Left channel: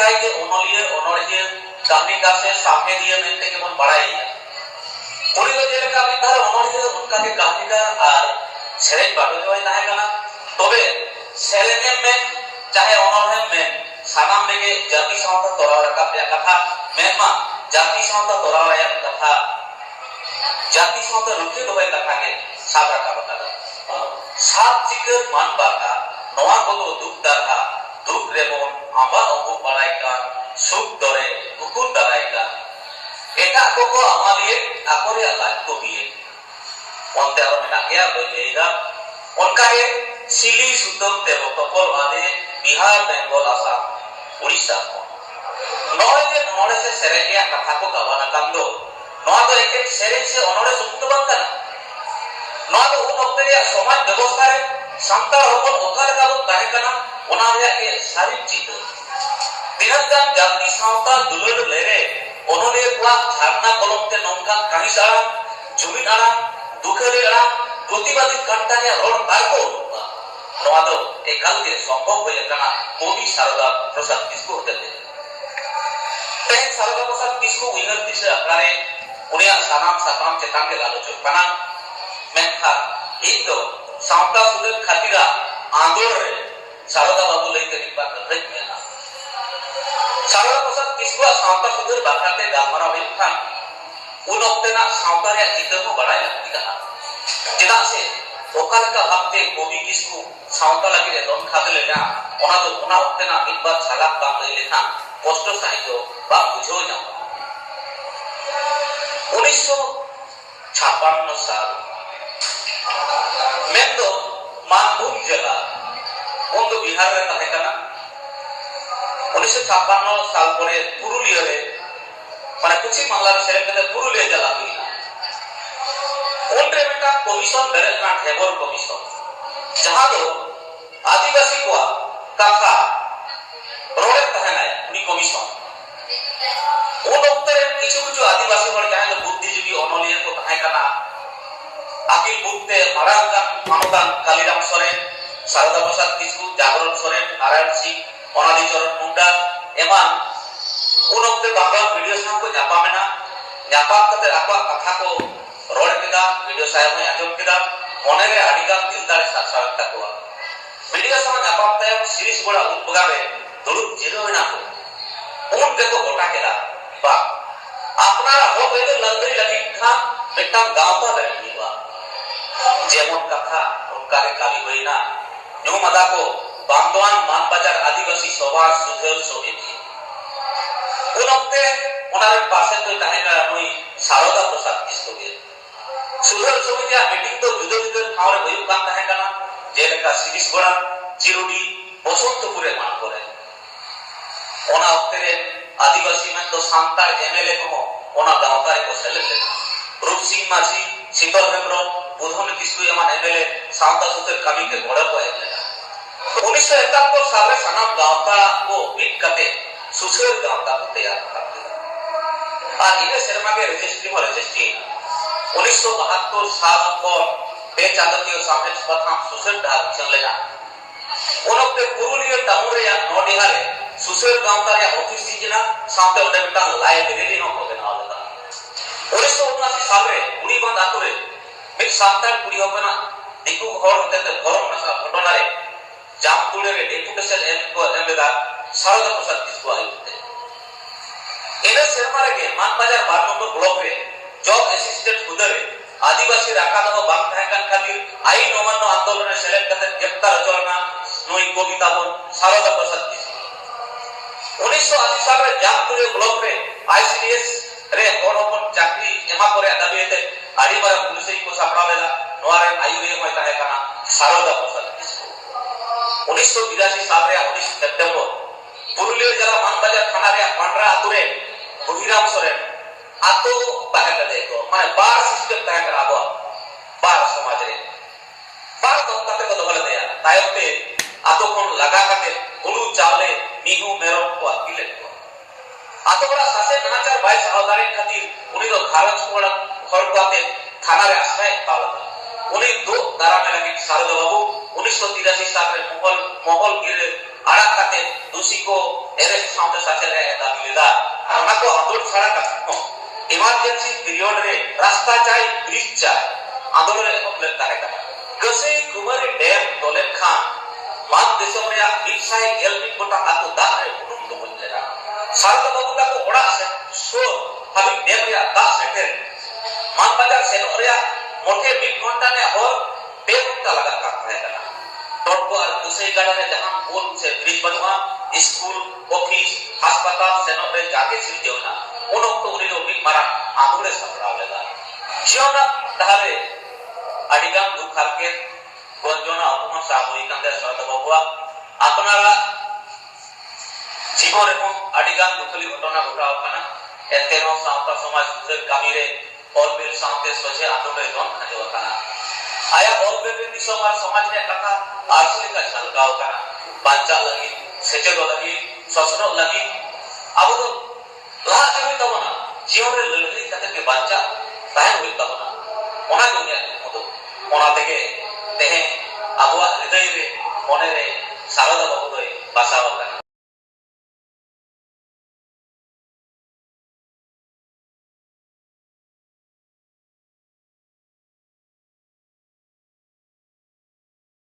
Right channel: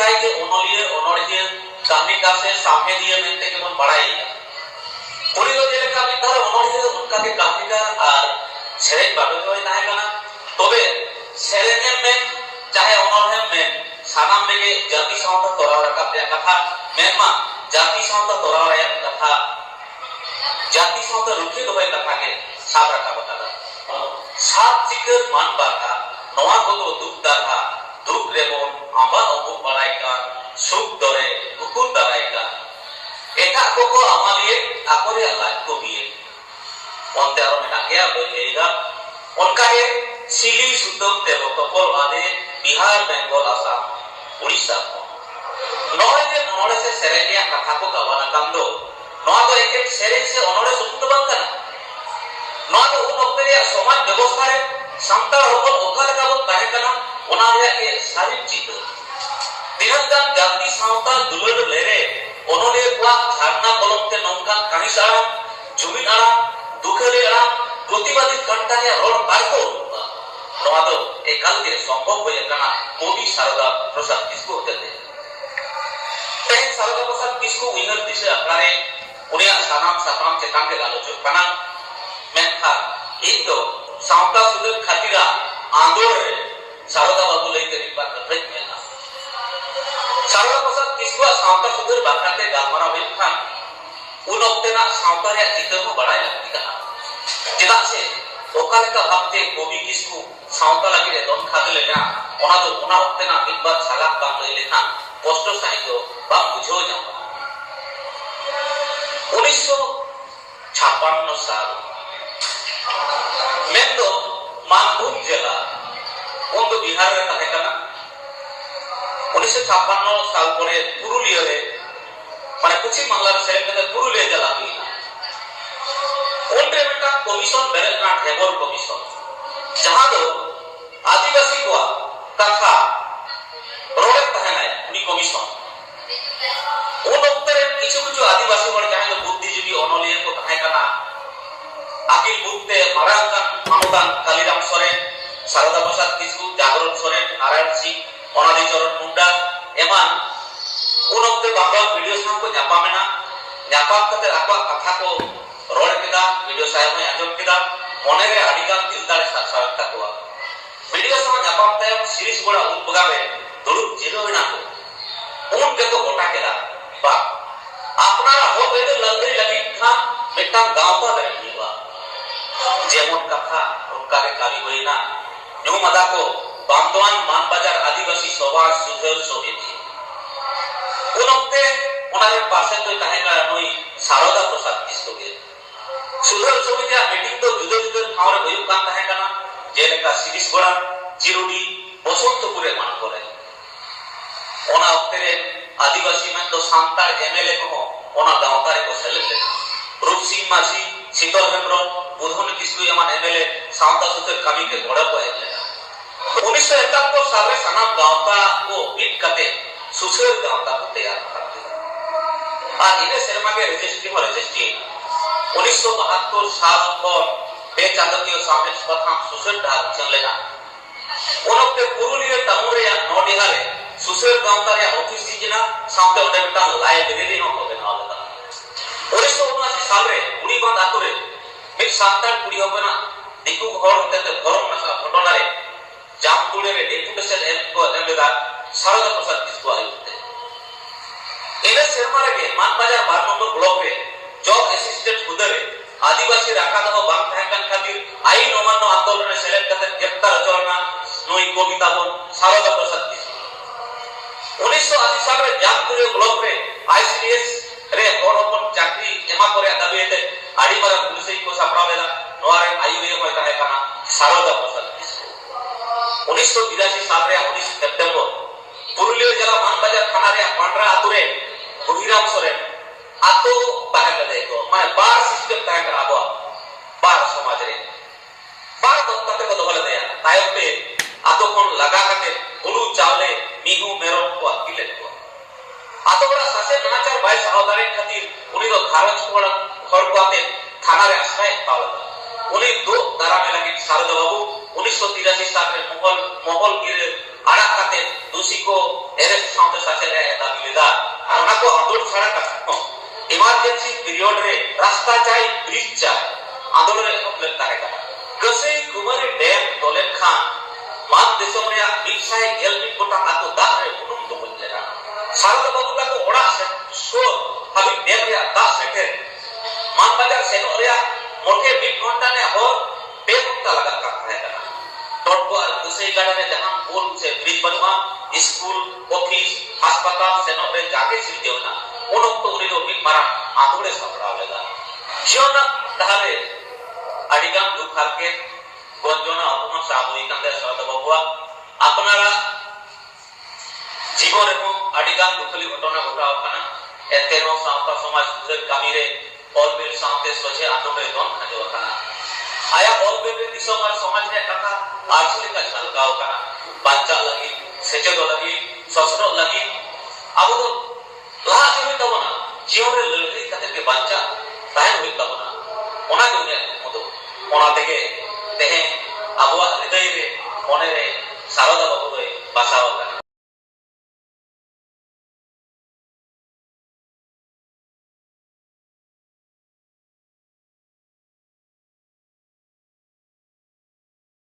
लेखाय के ओनलिए ओनड़िए कामिका से सामने दिए मेंते के मन बड़ाई उनी दो जेलेका मिथार ओनड़िए उनका के कामिका और सेरेन बाबे होय नाहे काना तबे सेरेनेम में चाहे ओनड़ेम में सानाम लेगे जाति सावता तोरा रखा पे कथा मेनमा जाति सावता तोरा रया कथा जाति सावता रुके दोबे कथा के साब रखा बतादा साब चिकर मान बाता नवा को दुख दाहा दुख रेमन आमा अमुक बड़ाई का सुख दरे हुकुम दराई का एका को आमालिए आकोरे लाज को बिए onte aro mena gaya beida onka ye sili sudom tebo topol ade Bihar Bengal Assam Odisha noy je onore se serenia katha ko gawana kando noa do ek sereng se onore sumto bang kana noa do un okte ya samaj ব্যবস্থা re santal hopon okare ka bon tahe kana ona re ke sarik chito dihangan jati sauta dulur lere onore pura dharna kolomte nongkan kanis aram jumi aram दुखरे आरा प्रतिवादी कंटानिया road बाइको नोआ दो एकाल के संभव होय कना कोटी शारदा प्रसाद किसको होते ते शारदा प्रसाद किसको उइहर दिशे अकारे उनिया सानाम साताम चेतान के आलोचक कना मेखा एक तो सावता सुदर खातिरा आंदोल रे शारदा बाबू लेके रिपा कथई मेला शारदा प्रसाद किसको सावता सुदर बाकाते गामरा बेखान उन ओक्तेना सावता रे इतर को बड़ाई लगती कहा चेदाग से ओकाले का भागते कोबी किसको सावता लगी रे दोन खाते ले ना ओना तो ओना ओक्तेना एक बार सालाक काम ले लेखा पोस्टर साइज को बाप बुझो ना 1956 साल में तो मानभूम जिला उन तो बिहार रे ताहे कना 1956 साल परे पुरुलिया रे माने कुछ मामला रे सेलेक्ट करते पुरुलिया जिला हुई उनरे का कमीशन बेरेना हेबल कमीशन जहां दो आदिवासी को कथा रोडे तहना उनी कमीशन उन उत्तरे किछु किछु आदिवासी हर जहां बुद्धिजीवी अनलिया को तहाय कना आकिल बुद्धे मारांगा मानदान कालीराम सोरेन शारदा प्रसाद किसु जागरण सोरेन नारायण सिंह अनादि चरण मुंडा एमान उन उत्ते बांग्ला वीडियो साम को जापामेना जापाम कते आपा कथा को रोड किदा वीडियो साहेब में आजम किदा मोने रे आदिकाल दिलदार सासाव तकवा वीडियो साम जापाम ते सीरीज बड़ा उनबगावे दुलुक जिरोना को उन के तो गोटा केदा बा आपनारा हो गए लंगरी लगी खान बेटा गांव का बेटीवा जेमन कथा उनका के काली होइना न्यू मदा को बांदवान मान बाजार आदिवासी सभा सुधर सोहेती उनते उनारे पासे तो ताहेना नई शारदा प्रसाद किसको के सुधर समितिया मीटिंग तो जुदे जुदे ठावरे भयु कान ताहे कना जेलेका सीरीज बड़ा चिरुडी बसंतपुरे मान करे ओना ओक्तेरे आदिवासी में तो सांतार एमएलए को ओना गांवकारी को सेलेक्ट रूप सिंह माझी शीतल हेम्ब्रम बुधन किसु एमान एमएलए सावता सुते कमी के घोड़ा को है 1971 साल रे सनाम गांवता को पिक कते सुसर गांवता को तैयार करते और इने शर्मा के रजिस्ट्री 1972 साल पर बे चांदतीय सामने प्रथम सुसर ढाल चल लेना उनके पुरुलिया टाउन या नोडिहाले सुसर गांवता या ऑफिस जिना सामने ओडे बेटा लाइब्रेरी हो को देना वाला 1979 साल रे उड़ी बांध आतुरे एक सांतार कुड़ी होबना दिकु हर होते गरम मसा घटना रे जामपुरे रे डेपुटेशन एम को एमदा शारदा प्रसाद किसको आयुते इने शर्मा रे मान बाजार 12 नंबर ब्लॉक रे जॉब असिस्टेंट खुदरे आदिवासी राका दो बांग थायकान खातिर आई नोमानो आंदोलन रे सेलेक्ट करते ग्रेप्तार रचना नई कविता बोल शारदा प्रसाद किसको 1980 साल रे जामपुरे ब्लॉक रे आईसीडीएस रे होरपन चाकरी एमा करे दाबीते आडी मारा पुलिस को सापड़ावेला नोआरे आयुरे होता है काना शारदा प्रसाद किसको 1982 साल रे 19 सितंबर पुरुलिया जिला मानबाजार थाना रे पांडरा आतुरे बहिराम सोरेन आतो ताहे कदे को माने बार सिस्टम ताहे करा बो बार समाज रे बार तो कते को दोले दया तायते आतो कोन लगा कते हुलु चावले मिहु मेरो को अकिले को आतो बड़ा सासे नाचार भाई सहोदारी खातिर उनी रो घारंज को घर को आते थाना रे आश्रय पावला उनी दो दारा में लगी शारदा बाबू 1983 साल रे मोहल गिरे arak kate dusi ko arrest saute saate re dabi leda ar ona ko andolon chhara katho emergency period re rasta chai bridge cha andolon re hok len tare kana kasei kumari dam dolen khan मान देशों में या मिक्साई गेलमिट कोटा आतो दाह रे उनुम तो बोल लेगा सारदा बाबू का को ओड़ा से सो अभी डेम या दाह सेटे मान बाजार से नो रे मोटे 1 घंटा ने और 1.5 घंटा लगा का है ना टोट को दूसरे गाड़ा में जहां पुल से ब्रिज बनवा स्कूल ऑफिस अस्पताल से नो रे जाके सिर देवना उन तो रे भी मारा आंदोलन संभड़ा लेगा जीवन धारे अडिगाम दुख के গঞ্জনা অপমান সাময়িকান্তের সারদা বাবুয়া আপনারা জীবন এবং আডিগান দুঃখলি ঘটনা ঘটাও কানা এতেন সাঁওতা সমাজ সুযোগ কামিরে অলবেল সাঁওতে সোজে আন্দোলনে দন খাজো কানা আয়া অলবেল দিশম আর সমাজ রে কথা আরসলি কা ঝালকাও কানা বাঞ্চা লাগি সেচেদ লাগি সসন লাগি আবো তো লাহা হই তবনা জীবনের লড়াই কাতে বাঞ্চা তাই হই তবনা ওনা দুনিয়া মতো ওনা থেকে तेहे आबुआ हृदय रे मने रे सारदा बाबू रे बासाव